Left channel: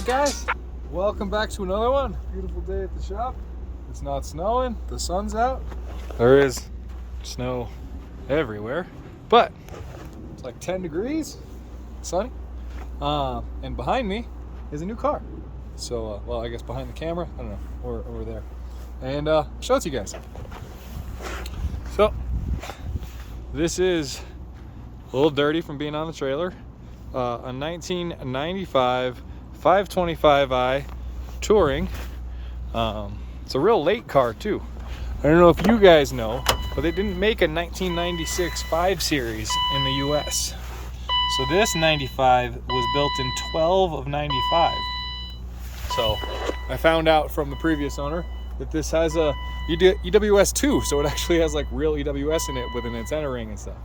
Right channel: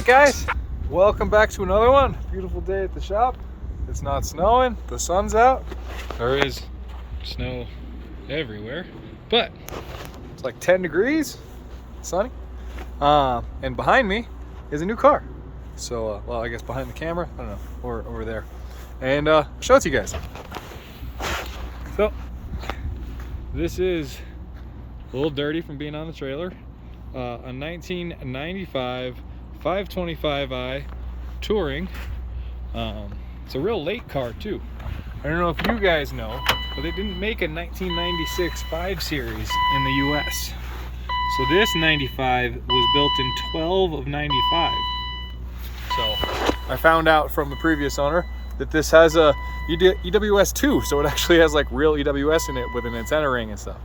Alright guys, welcome back to another one. Beautiful day at the shop. It's not snowing, the sun's out. There is snow everywhere, but it's like 10 degrees, sunny. And behind me is a new car. So, well, I guess behind the camera, I don't know, or over there. And I'll show it to you guys. So, this is a little dirty from being on the trailer. A 1995 525i Touring. It's a real late car too. I don't know if you guys know, but they didn't make a 1996 5 Series in the US. So this 95 was built in 12 of 95. So I found out from the previous owner that this has a EWS 2, so it actually has like real EWS in it with an antenna ring and stuff.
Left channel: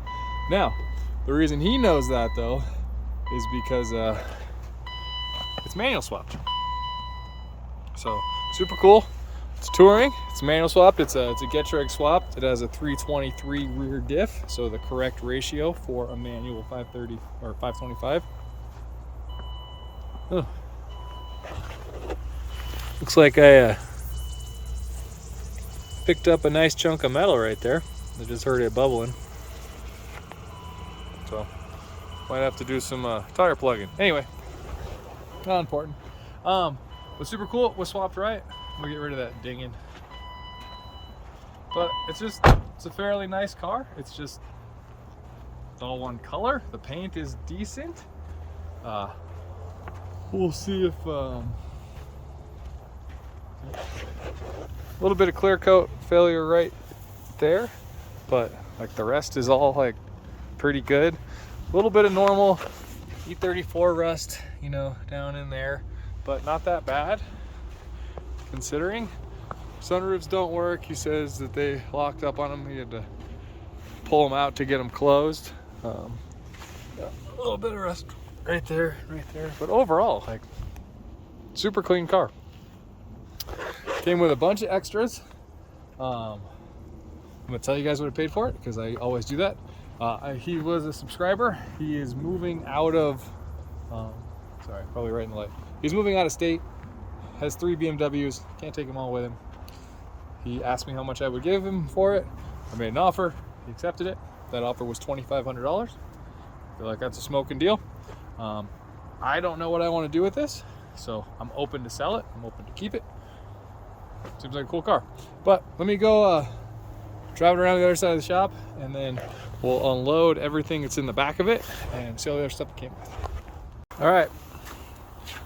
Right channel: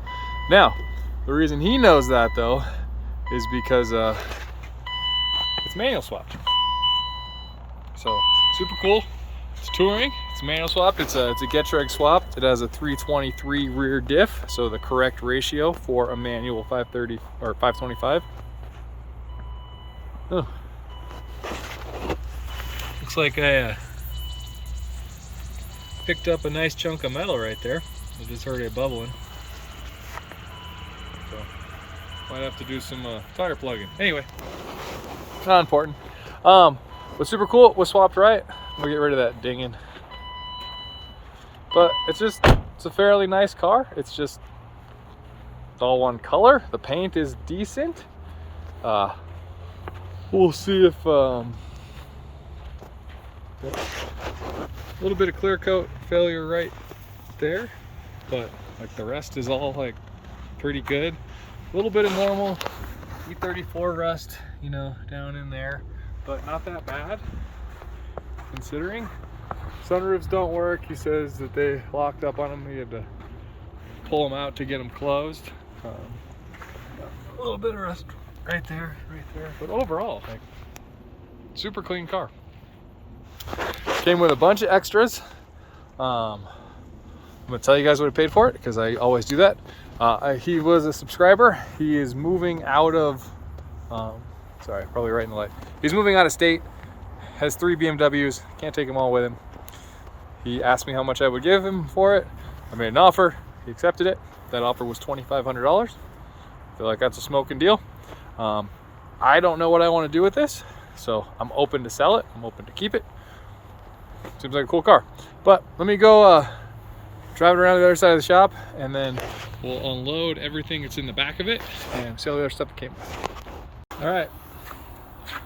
Now, the reason he knows that though is because it's manual swapped. So super cool. It's touring. It's manual swapped. It's a Getrag swap. It has a 323 rear diff, so the correct ratio for a manual 530 or 525. Oh, looks like I picked up a nice chunk of metal right there. I just heard it bubbling. So might have to do some tire plugging. Anyway, not important. What's super cool, it was swapped right. We'll get rid of that dinging. But it's a fairly nice car. It's all one color. The paint is decent. We'll see if a little bit of clear coat failure right there, but like the rest is all like pretty good. A little bit of normal E34 rust, you know, down in there, but not that bad considering. Sunroofs don't work. He says that they locked up on them. He had to pull them out to get them closed. A little bit of rust right there, but overall, like, super clean car. Came with a bunch of extras. I'm gonna tell you guys what I paid for it because I always do that. He was a subscriber. He is moving out of, sorry, probably right in the light. He's moving out of state, has 3 BMWs, can't take them all with him. He asked me how much I would give him for it. I made an offer, he accepted it. That offer was $2,500. Feel like that's a smoking deal. I don't know what I want to do with this, so I'm open to sell it. I'm open to keep it. Seems like a cool car. But let me go drive it around the other side of the shop, and then we'll unload everything that's in the back of it and see all the other stuff it came with. All right,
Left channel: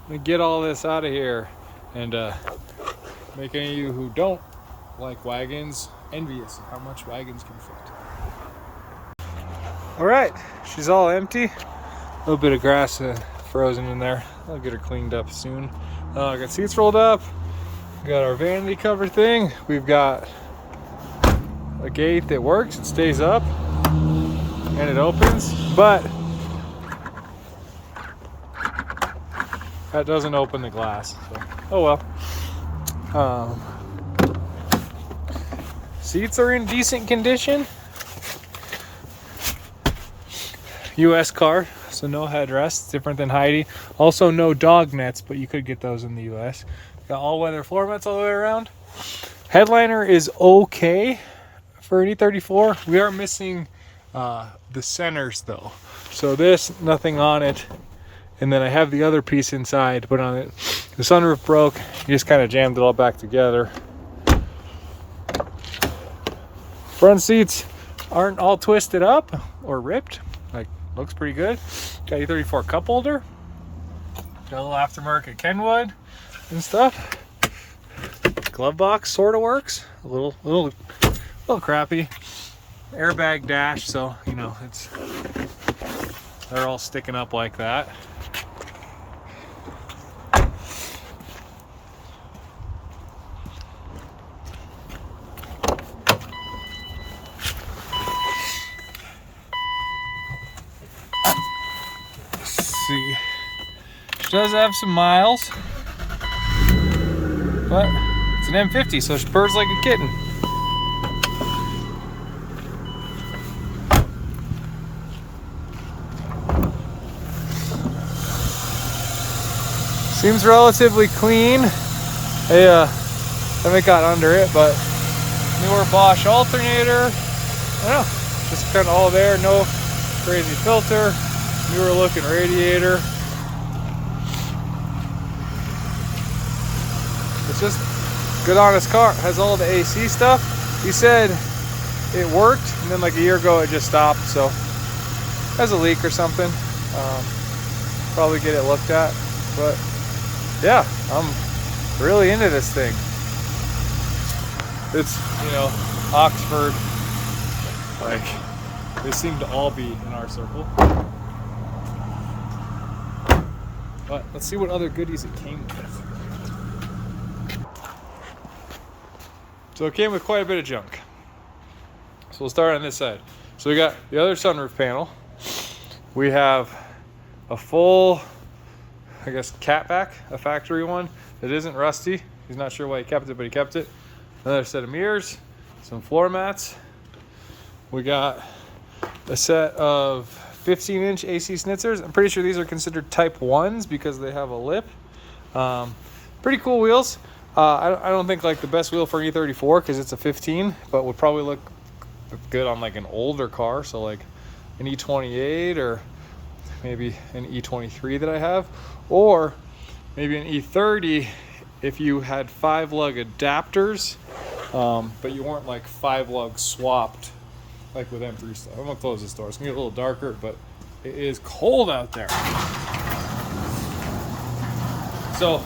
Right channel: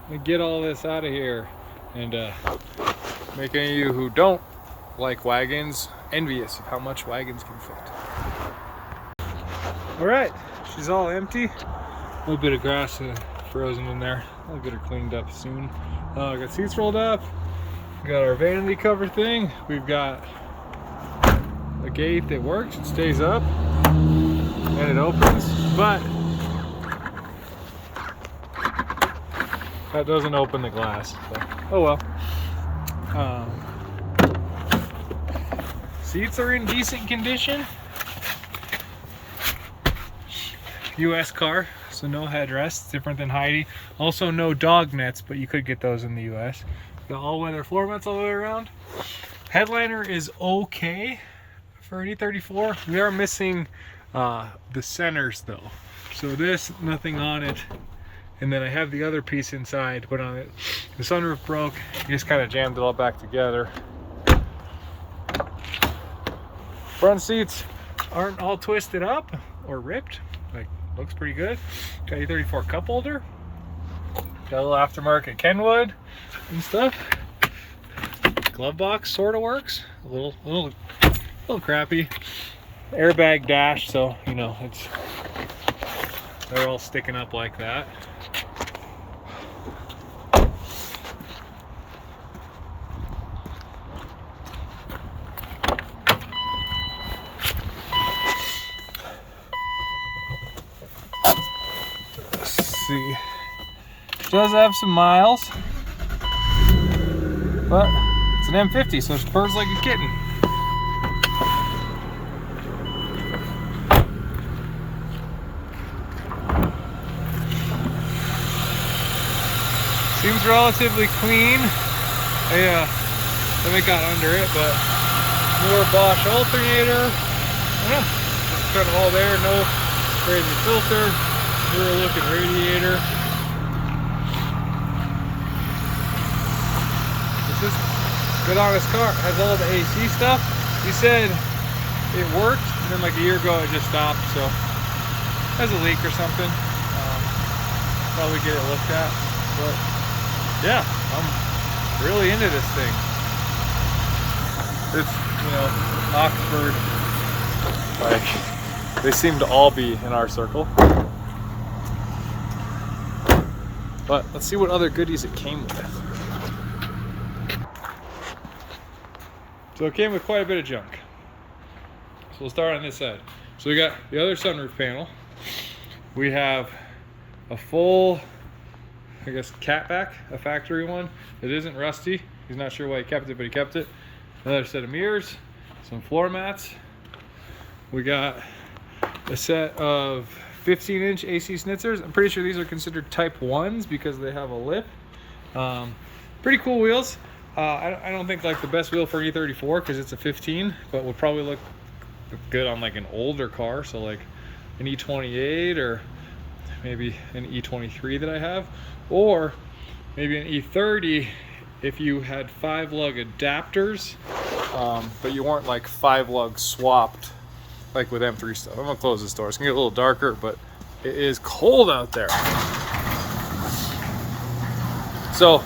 let me get all this out of here and make any of you who don't like wagons envious of how much wagons can fit. All right, she's all empty. A little bit of grass frozen in there. I'll get her cleaned up soon. I got seats rolled up. We got our vanity cover thing. We've got a gate that works. It stays up and it opens, but that doesn't open the glass. So, oh well. Seats are in decent condition. US car, so no headrests, different than Heidi. Also no dog nets, but you could get those in the US. Got all-weather floor mats all the way around. Headliner is okay for an E34. We are missing the centers though. So this, nothing on it. And then I have the other piece inside, but on it, the sunroof broke. You just kind of jammed it all back together. Front seats aren't all twisted up or ripped. Like, looks pretty good. Got E34 cup holder. Got a little aftermarket Kenwood and stuff. Glove box sort of works. A little crappy. Airbag dash, so you know they're all sticking up like that. See, she does have some miles, but it's an M50, so she purrs like a kitten. Seems relatively clean. I haven't got under it, but newer Bosch alternator. Yeah, just kind of all there. No crazy filter. Newer looking radiator. It's just good honest car. It has all the AC stuff. You said it worked, and then like a year ago it just stopped. So it has a leak or something. Probably get it looked at, but yeah, I'm really into this thing. It's, you know, Oxford, like they seem to all be in our circle. But let's see what other goodies it came with. So it came with quite a bit of junk. So we'll start on this side. So we got the other sunroof panel. We have a full, I guess, catback, a factory one. It isn't rusty. He's not sure why he kept it, but he kept it. Another set of mirrors, some floor mats. We got a set of 15-inch AC schnitzers. I'm pretty sure these are considered type 1s because they have a lip. Pretty cool wheels. I don't think like the best wheel for an E34 because it's a 15, but would probably look good on like an older car. So like an E28 or maybe an E23 that I have, or maybe an E30 if you had 5-lug adapters, but you weren't like 5-lug swapped like with M3 stuff. I'm gonna close this door. It's gonna get a little darker, but it is cold out there. So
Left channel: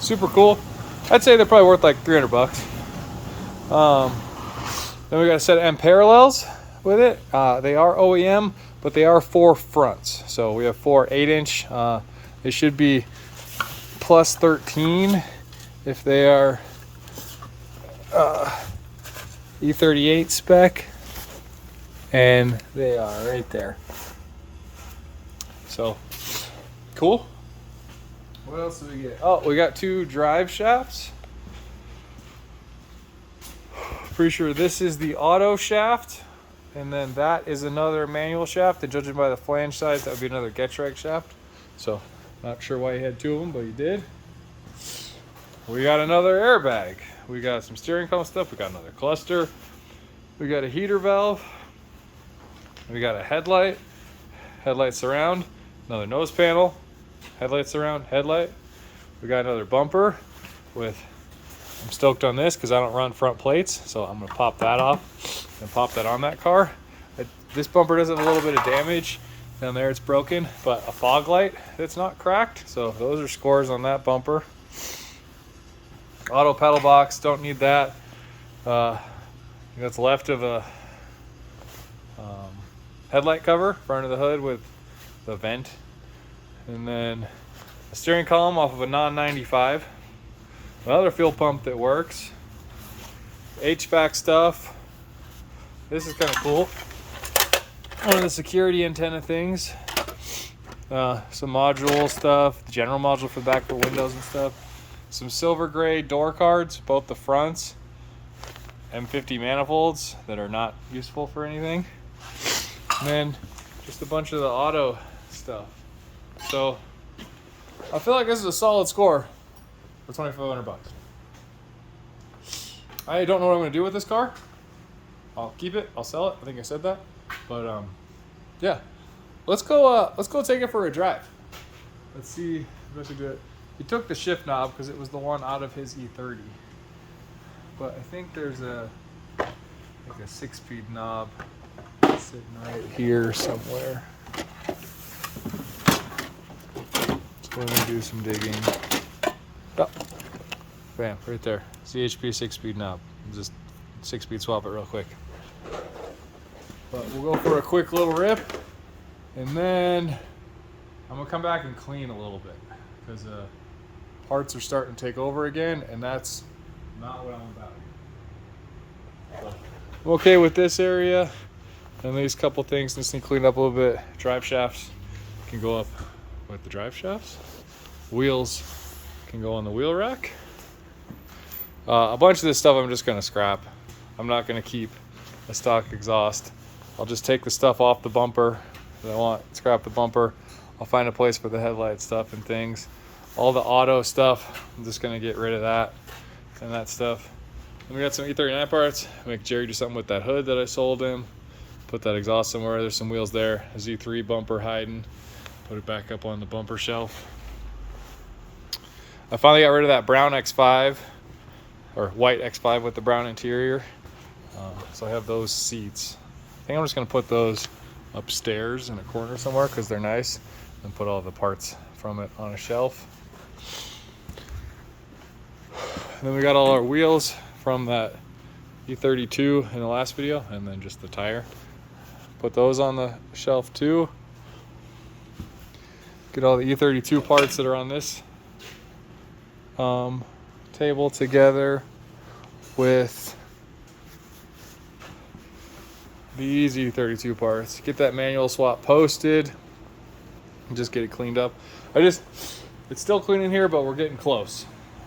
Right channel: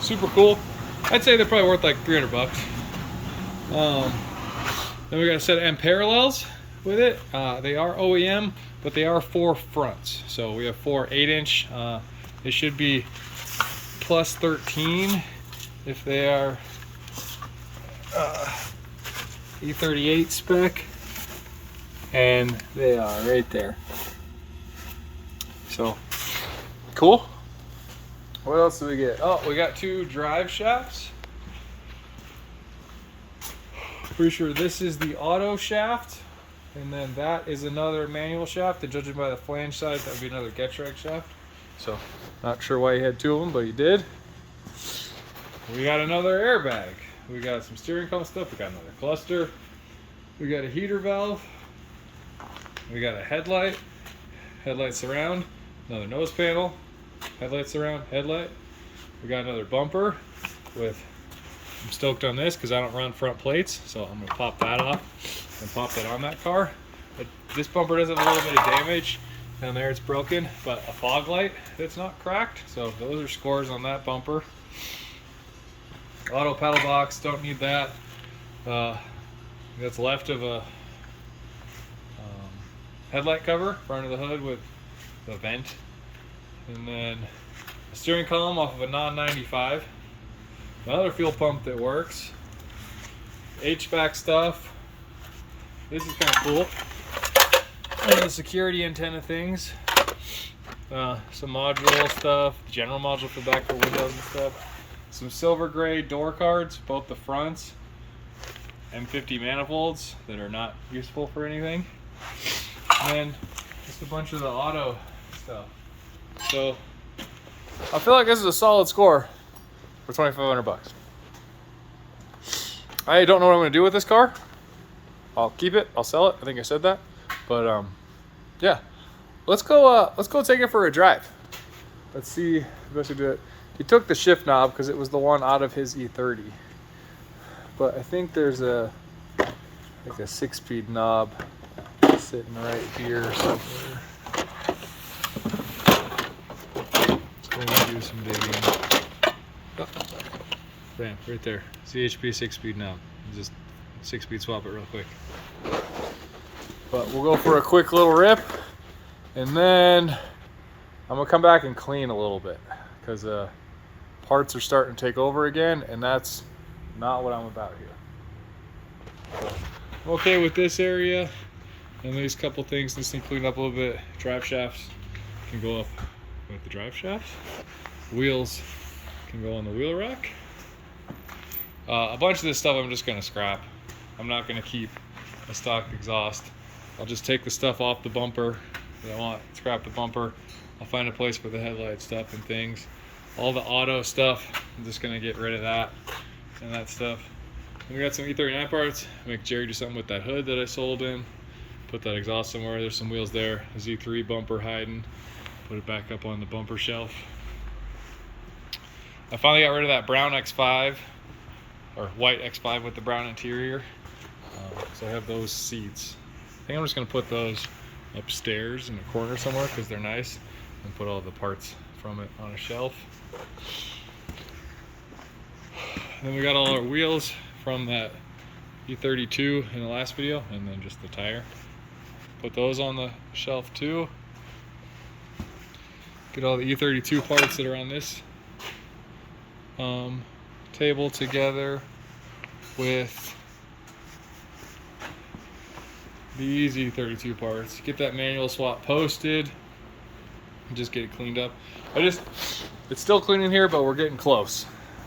super cool. I'd say they're probably worth like 300 bucks. Then we got a set of M parallels with it. They are OEM, but they are 4 fronts. So we have 4 8-inch. They should be plus 13 if they are E38 spec, and they are right there. So cool. What else do we get? Oh, we got 2 drive shafts. Pretty sure this is the auto shaft, and then that is another manual shaft, and judging by the flange size, that would be another Getrag shaft. So not sure why he had 2 of them, but he did. We got another airbag. We got some steering column stuff. We got another cluster. We got a heater valve. We got a headlight surround, another nose panel, headlight surround, headlight. We got another bumper with, I'm stoked on this because I don't run front plates, so I'm gonna pop that off and pop that on that car. But this bumper does have a little bit of damage down there, it's broken, but a fog light that's not cracked, so those are scores on that bumper. Auto pedal box, don't need that. That's left of a headlight cover, front of the hood with the vent, and then a steering column off of a non-95. Another fuel pump that works. HVAC stuff. This is kind of cool. One of the security antenna things. Some module stuff. The general module for the back for windows and stuff. Some silver gray door cards, both the fronts. M50 manifolds that are not useful for anything. And then just a bunch of the auto stuff. So I feel like this is a solid score for 2,500 bucks. I don't know what I'm gonna do with this car. I'll keep it, I'll sell it. I think I said that. But yeah, let's go take it for a drive. Let's see the best way to do it. He took the shift knob because it was the one out of his E30. But I think there's like a 6-speed knob sitting right here somewhere. So we're gonna do some digging. Oh, bam, right there. CHP 6-speed knob. Just 6-speed swap it real quick. But we'll go for a quick little rip, and then I'm gonna come back and clean a little bit because parts are starting to take over again, and that's not what I'm about here. So I'm okay with this area, and these couple things. This thing cleaned up a little bit. Drive shafts can go up with the drive shafts. Wheels can go on the wheel rack. A bunch of this stuff I'm just gonna scrap. I'm not gonna keep a stock exhaust. I'll just take the stuff off the bumper that I want, scrap the bumper. I'll find a place for the headlight stuff and things. all the auto stuff. I'm just gonna get rid of that and that stuff. And we got some E39 parts. Make Jerry do something with that hood that I sold him. Put that exhaust somewhere. There's some wheels there. A Z3 bumper hiding. Put it back up on the bumper shelf. I finally got rid of that brown X5, or white X5 with the brown interior. So I have those seats. I think I'm just gonna put those upstairs in a corner somewhere because they're nice, and put all the parts from it on a shelf. And then we got all our wheels from that E32 in the last video, and then just the tire. Put those on the shelf too. Get all the E32 parts that are on this table together with these E32 parts. Get that manual swap posted and just get it cleaned up. It's still clean in here, but we're getting close.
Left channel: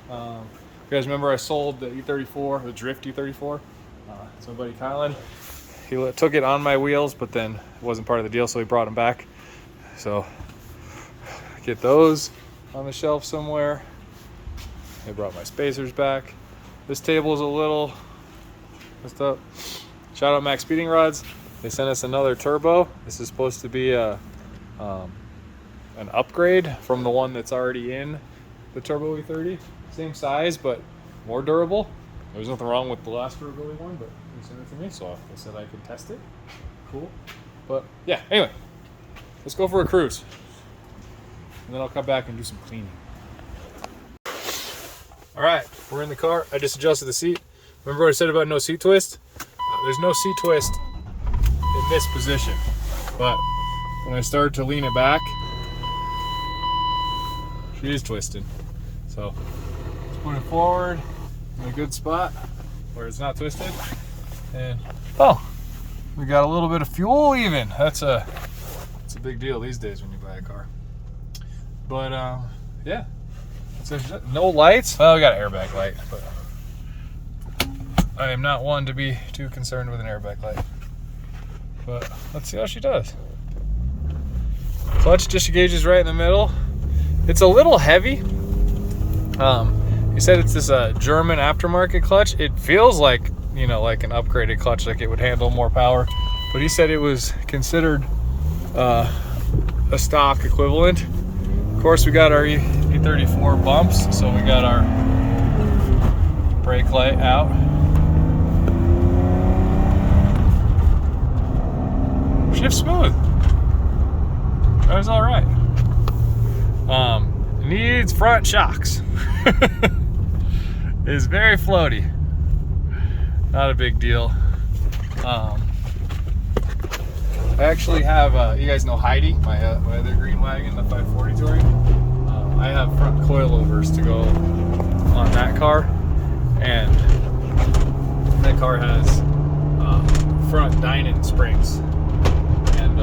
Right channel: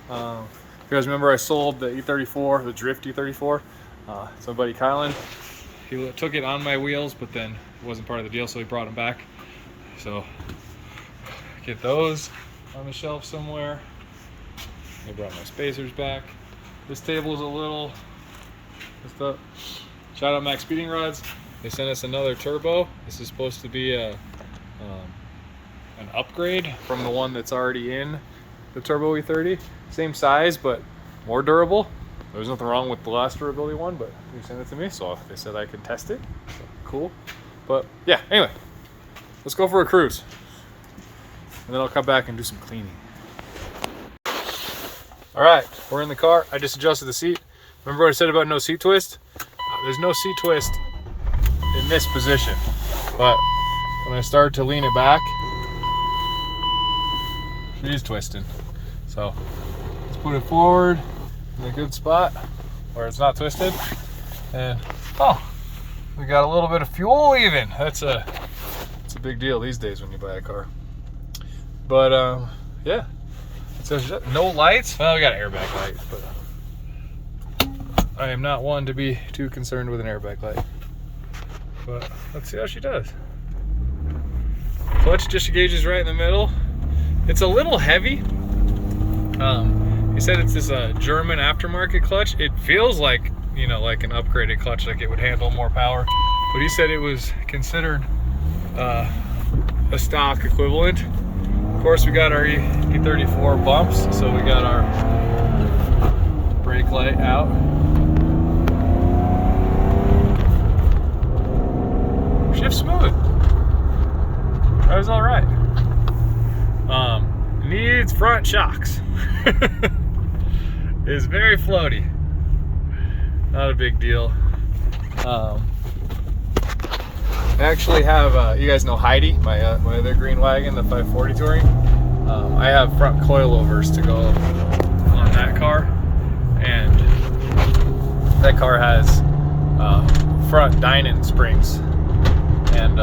If you guys remember, I sold the E34, the Drift E34. So my buddy Kylan, he took it on my wheels, but then it wasn't part of the deal, so he brought them back. So get those on the shelf somewhere. I brought my spacers back. This table is a little messed up. Shout out Max Speeding Rods. They sent us another turbo. This is supposed to be an upgrade from the one that's already in the Turbo E30. Same size, but more durable. There's nothing wrong with the last durability one, but they sent it to me, so they said I could test it. So, cool. But yeah, anyway, let's go for a cruise. And then I'll come back and do some cleaning. All right, we're in the car. I just adjusted the seat. Remember what I said about no seat twist? There's no seat twist in this position, but when I start to lean it back, she is twisting. So let's put it forward in a good spot where it's not twisted. And oh, we got a little bit of fuel even. It's a big deal these days when you buy a car. But yeah, it says no lights. Well, we got an airbag light, but I am not one to be too concerned with an airbag light. But let's see how she does. Clutch disengage right in the middle. It's a little heavy. He said it's this German aftermarket clutch. It feels like, you know, like an upgraded clutch, like it would handle more power. But he said it was considered a stock equivalent. Of course, we got our E34 bumps, so we got our brake light out. Shift smooth. Drives all right. Needs front shocks. Is very floaty. Not a big deal. I actually have, you guys know Heidi, my other green wagon, the 540 Touring. I have front coilovers to go on that car, and that car has front Dynon springs and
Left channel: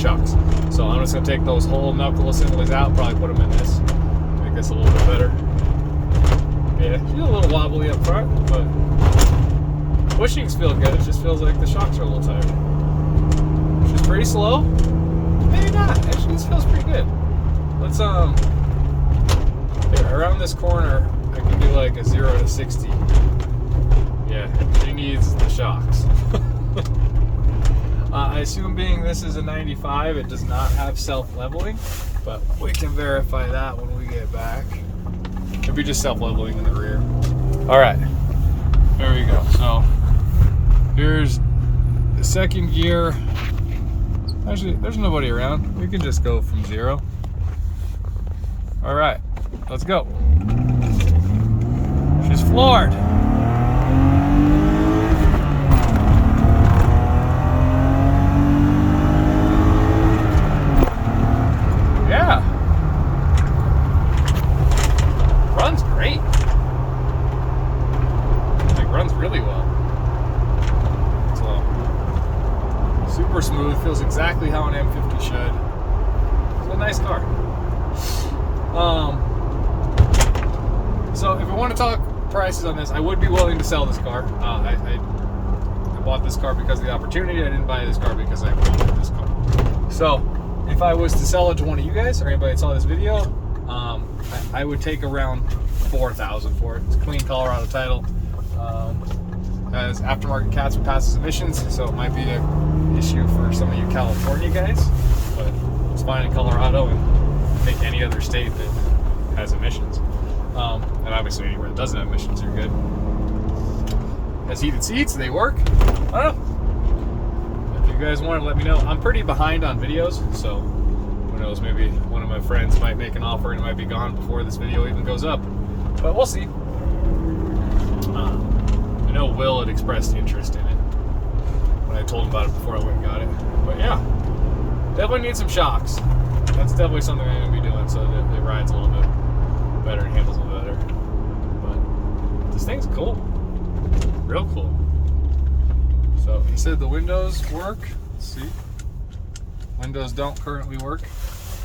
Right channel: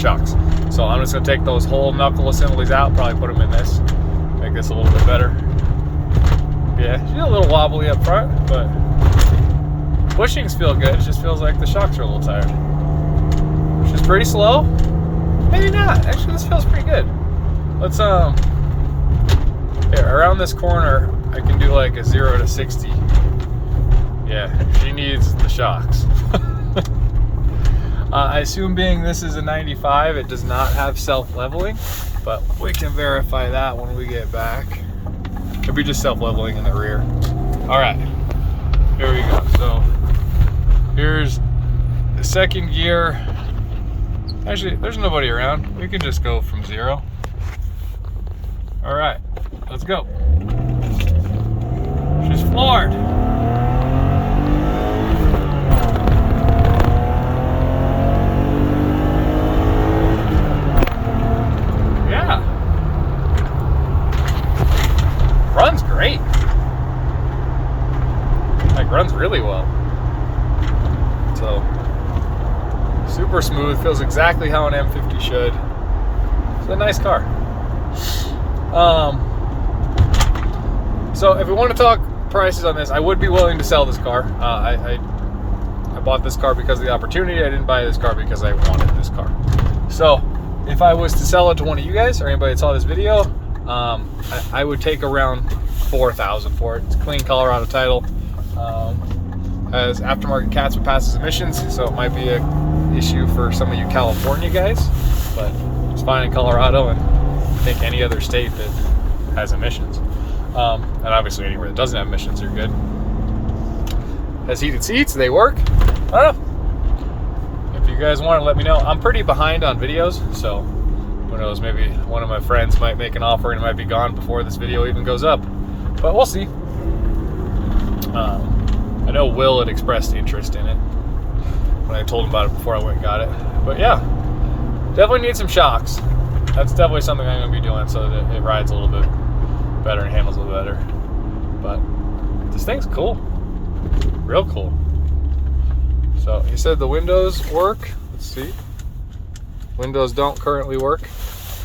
shocks. So I'm just gonna take those whole knuckle assemblies out, probably put them in this, make this a little bit better. Yeah, she's a little wobbly up front, but bushings feel good. It just feels like the shocks are a little tired. She's pretty slow. Maybe not. Actually, this feels pretty good. Let's here, around this corner, I can do like a 0 to 60. Yeah, she needs the shocks. I assume being this is a 95, it does not have self-leveling, but we can verify that when we get back. Could be just self-leveling in the rear. All right, here we go. So here's the second gear. Actually, there's nobody around. We can just go from 0. All right, let's go. She's floored. Yeah. Runs great. Like, runs really well. So, super smooth. Feels exactly how an M50 should. It's a nice car. So if we want to talk prices on this, I would be willing to sell this car. I bought this car because of the opportunity. I didn't buy this car because I wanted this car. So if I was to sell it to one of you guys or anybody that saw this video, I would take around $4,000 for it. It's a clean Colorado title. Has aftermarket cats with passes emissions, so it might be an issue for some of you California guys, but it's fine in Colorado and I think any other state that has emissions. And obviously anywhere that doesn't have emissions are good. Has heated seats, they work. I don't know. If you guys want to, let me know. I'm pretty behind on videos, so who knows, maybe one of my friends might make an offer and it might be gone before this video even goes up, but we'll see. I know Will had expressed interest in it when I told him about it before I went and got it. But yeah, definitely need some shocks. That's definitely something I'm going to be doing so that it rides a little bit better and handles a little better. But this thing's cool. Real cool. So he said the windows work. Let's see. Windows don't currently work,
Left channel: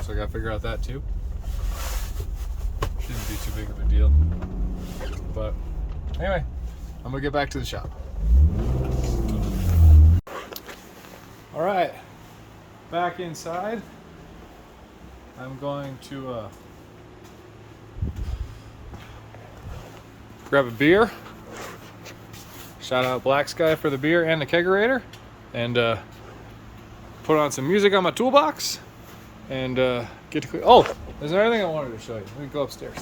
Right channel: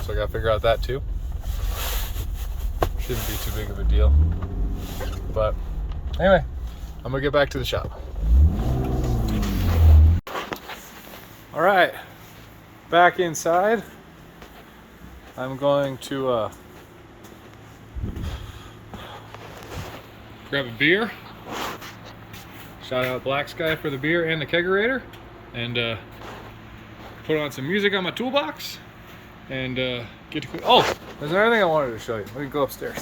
so I got to figure out that too. Shouldn't be too big of a deal. But anyway, I'm gonna get back to the shop. All right, back inside. I'm going to grab a beer. Shout out Black Sky for the beer and the kegerator, and put on some music on my toolbox, and get to. Oh, there's another thing I wanted to show you. Let me go upstairs.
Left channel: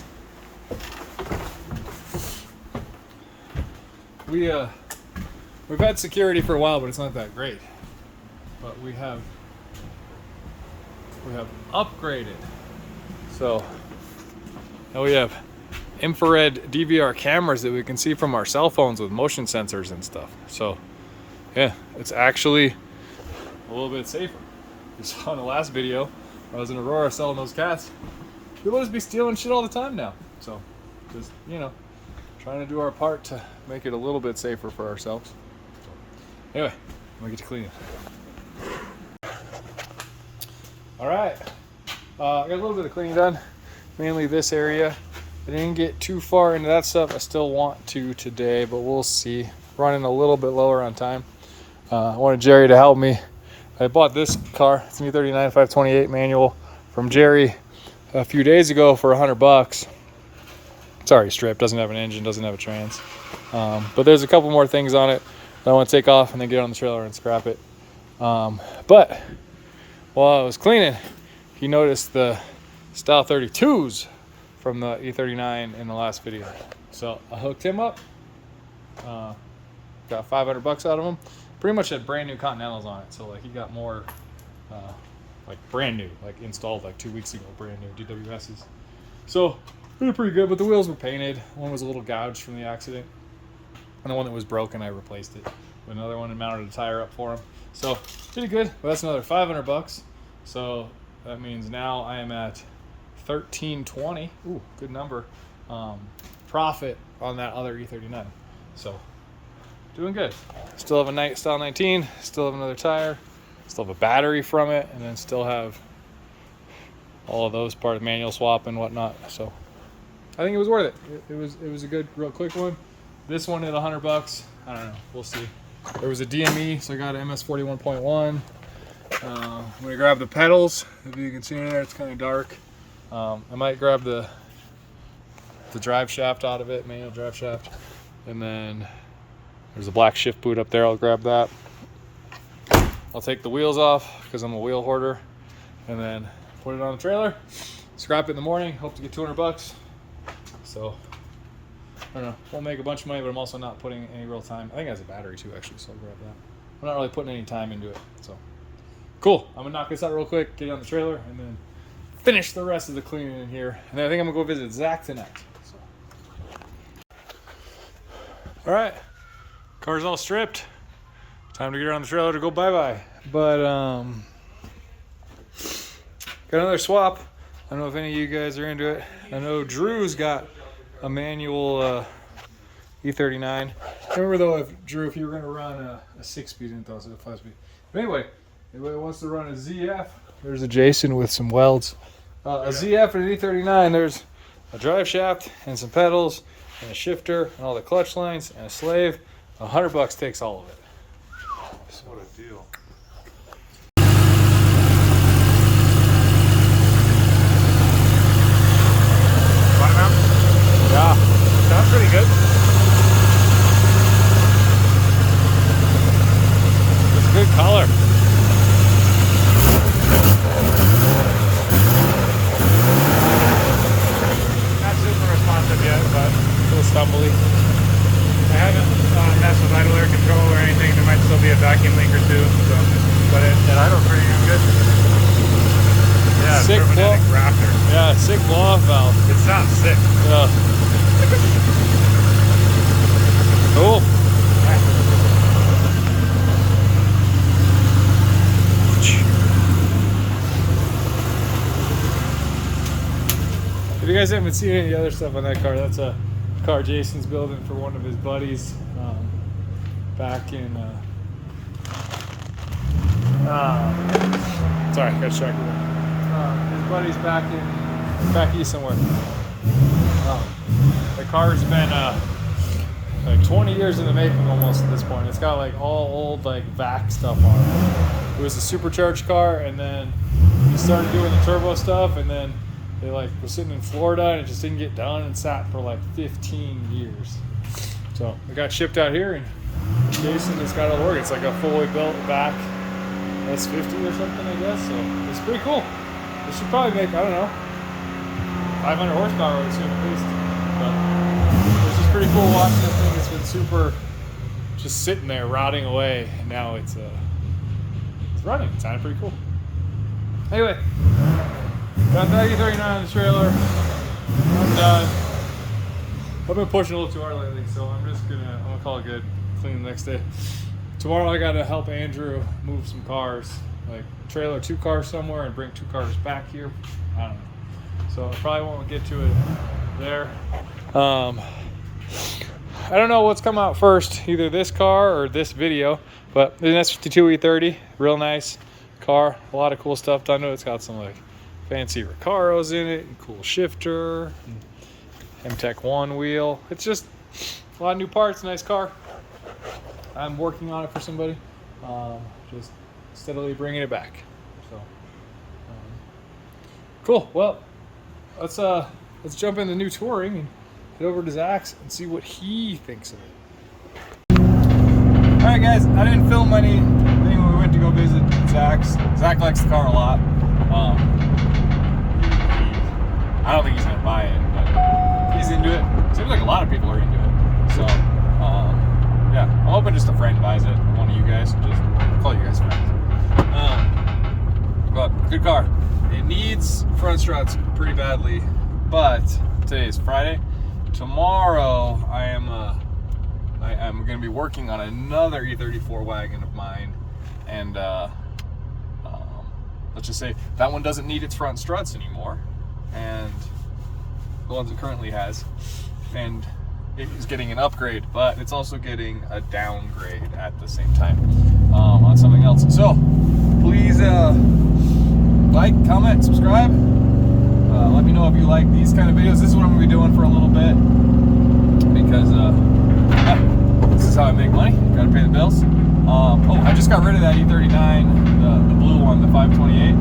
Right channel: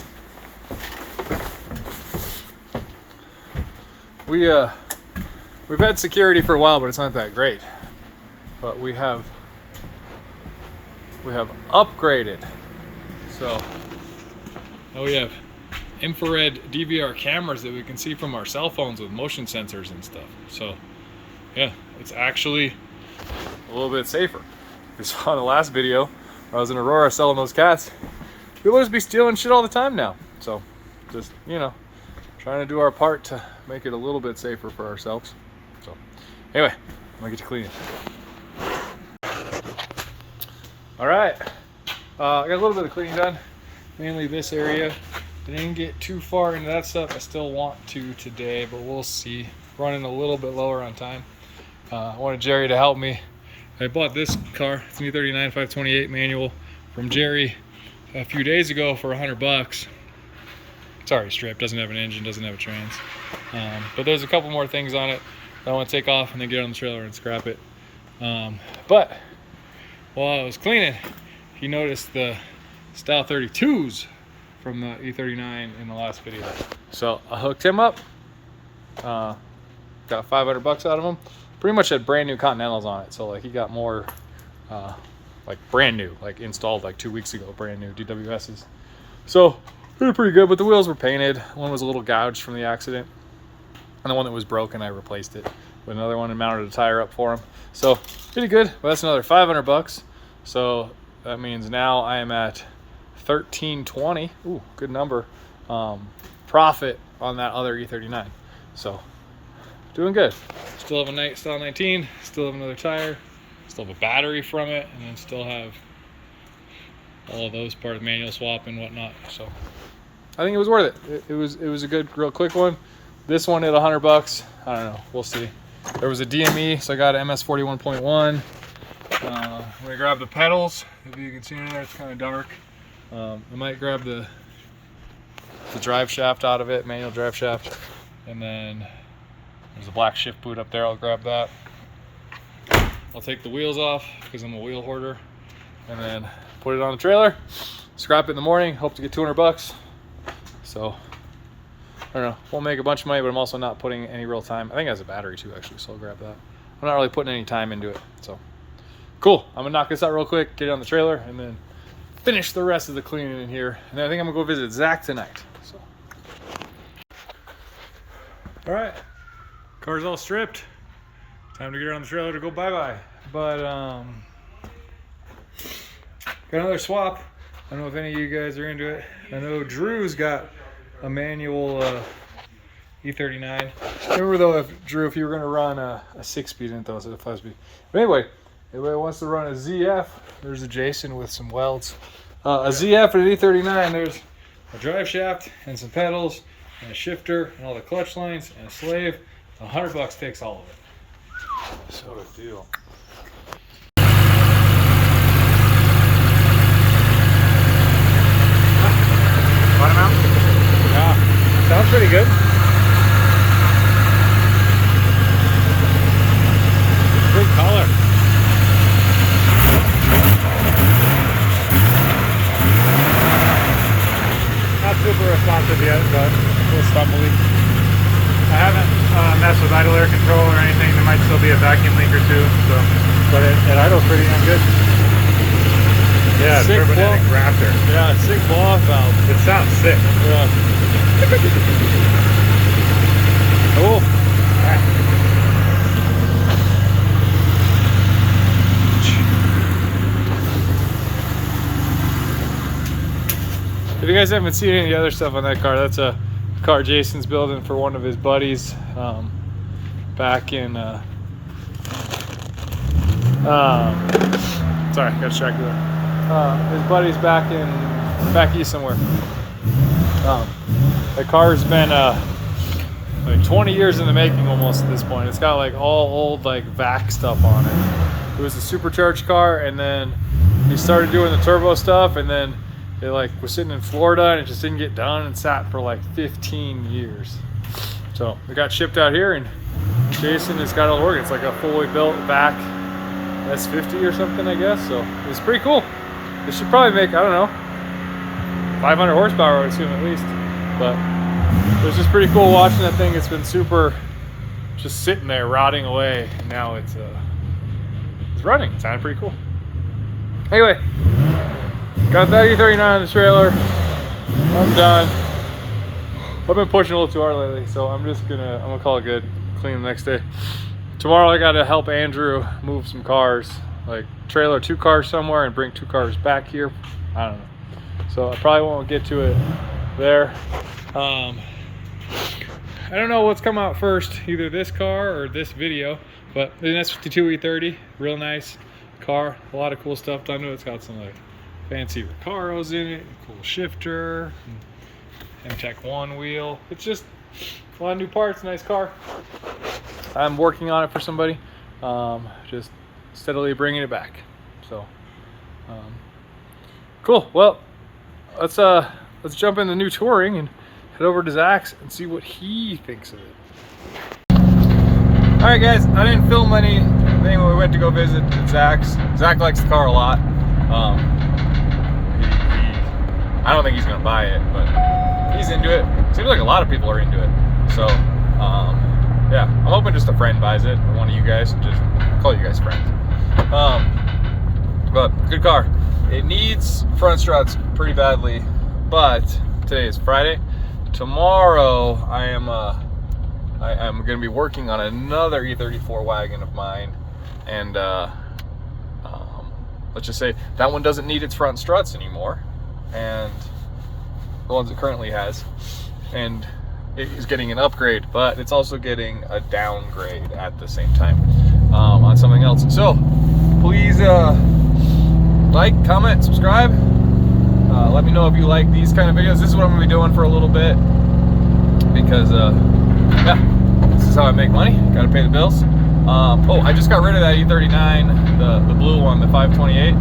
We've had security for a while, but it's not that great. But we have upgraded. So now we have infrared DVR cameras that we can see from our cell phones with motion sensors and stuff. So yeah, it's actually a little bit safer. We saw in the last video where I was in Aurora selling those cats. People just be stealing shit all the time now. So just, you know, trying to do our part to make it a little bit safer for ourselves. So anyway, I'm gonna get to cleaning. All right, I got a little bit of cleaning done, mainly this area. I didn't get too far into that stuff. I still want to today, but we'll see. Running a little bit lower on time. I wanted Jerry to help me. I bought this car. It's an E39 528 manual from Jerry a few days ago for $100. It's already stripped, doesn't have an engine, doesn't have a trans. But there's a couple more things on it that I want to take off and then get on the trailer and scrap it. But while I was cleaning, he noticed the Style 32s from the E39 in the last video. So I hooked him up, got $500 out of him. Pretty much had brand new Continentals on it. So like he got more like brand new, like installed like 2 weeks ago, brand new DWSs. So they were pretty good, but the wheels were painted. One was a little gouged from the accident, and the one that was broken, I replaced it with another one and mounted a tire up for him. So pretty good, but that's another $500. So that means now I am at $1,320. Ooh, good number. Profit on that other E39. So doing good. Still have a night Style 19, still have another tire, still have a battery from it, and then still have all of those part of manual swap and whatnot. So I think it was worth it. It was a good, real quick one. This one at $100. I don't know. We'll see. There was a DME, so I got an MS 41.1. I'm gonna grab the pedals. If you can see in there, it's kind of dark. I might grab the drive shaft out of it, manual drive shaft, and then there's a black shift boot up there. I'll grab that. I'll take the wheels off because I'm a wheel hoarder, and then put it on the trailer. Scrap it in the morning. Hope to get $200. So I don't know. Won't make a bunch of money, but I'm also not putting any real time. I think it has a battery too, actually, so I'll grab that. I'm not really putting any time into it. So cool. I'm gonna knock this out real quick, get it on the trailer, and then finish the rest of the cleaning in here. And then I think I'm gonna go visit Zach tonight. So all right, car's all stripped. Time to get her on the trailer to go bye-bye. But got another swap. I don't know if any of you guys are into it. I know Drew's got a manual E39. Remember though, if you were gonna run a 6-speed, I didn't thought it was a 5-speed. But anyway, anybody wants to run a ZF, there's a Jason with some welds. A ZF and an E39, there's a drive shaft and some pedals and a shifter and all the clutch lines and a slave. $100 takes all of it. So deal. Yeah, sick blow-off valve. It sounds sick. Yeah. Cool. If you guys haven't seen any other stuff on that car, that's a car Jason's building for one of his buddies back in sorry, got distracted there. His buddy's back east somewhere. The car's been like 20 years in the making almost at this point. It's got like all old like vac stuff on it. It was a supercharged car, and then he started doing the turbo stuff, and then it like was sitting in Florida and it just didn't get done and sat for like 15 years. So it got shipped out here, and Jason has got it all working. It's like a fully built vac S50 or something, I guess. So it's pretty cool. It should probably make, I don't know, 500 horsepower, I would assume at least. But it's just pretty cool watching that thing. It's been super, just sitting there rotting away, and now it's running. It sounded pretty cool. Anyway, got that E39 on the trailer. I'm done. I've been pushing a little too hard lately, so I'm gonna call it good. Clean the next day. Tomorrow I gotta help Andrew move some cars, like trailer 2 cars somewhere and bring 2 cars back here. I don't know. So I probably won't get to it there. I don't know what's come out first, either this car or this video, but the S52 E30, real nice car, a lot of cool stuff done to it. It's got some like fancy Recaros in it, and cool shifter, and MTech 1 wheel. It's just a lot of new parts, nice car. I'm working on it for somebody, just steadily bringing it back. So cool. Well, let's jump in the new Touring and head over to Zach's and see what he thinks of it. All right, guys, I didn't film anything when we went to go visit Zach's. Zach likes the car a lot. I don't think he's gonna buy it, but he's into it. Seems like a lot of people are into it. So yeah, I'm hoping just a friend buys it, or one of you guys. Just call you guys friends. But good car. It needs front struts pretty badly, but today is Friday. Tomorrow I am going to be working on another E34 wagon of mine, and let's just say that one doesn't need its front struts anymore, and the ones it currently has, and it is getting an upgrade, but it's also getting a downgrade at the same time on something else. So please like, comment, subscribe. Let me know if you like these kind of videos. This is what I'm gonna be doing for a little bit, because yeah, this is how I make money. Gotta pay the bills. Oh, I just got rid of that E39, the blue one, the 528.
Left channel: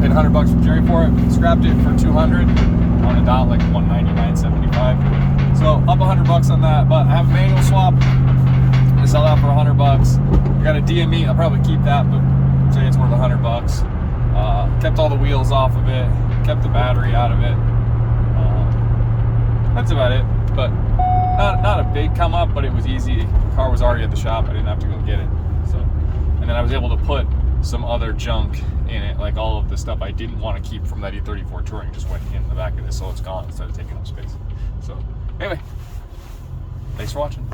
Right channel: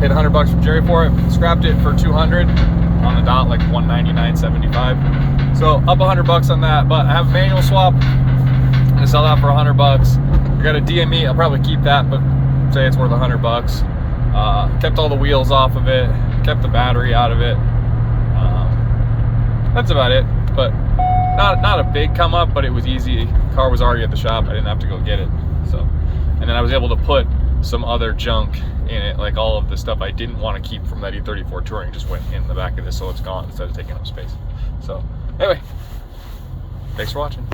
Paid $100 from Jerry for it. Scrapped it for 200 on the dot, like 199.75. So up $100 on that. But I have a manual swap. I'm gonna sell that for $100. I got a DME. I'll probably keep that, but say it's worth $100. Kept all the wheels off of it. Kept the battery out of it. That's about it. But not a big come up, but it was easy. The car was already at the shop. I didn't have to go get it. So, and then I was able to put some other junk in it, like all of the stuff I didn't want to keep from that E34 Touring just went in the back of this, so it's gone instead of taking up space. So anyway, thanks for watching.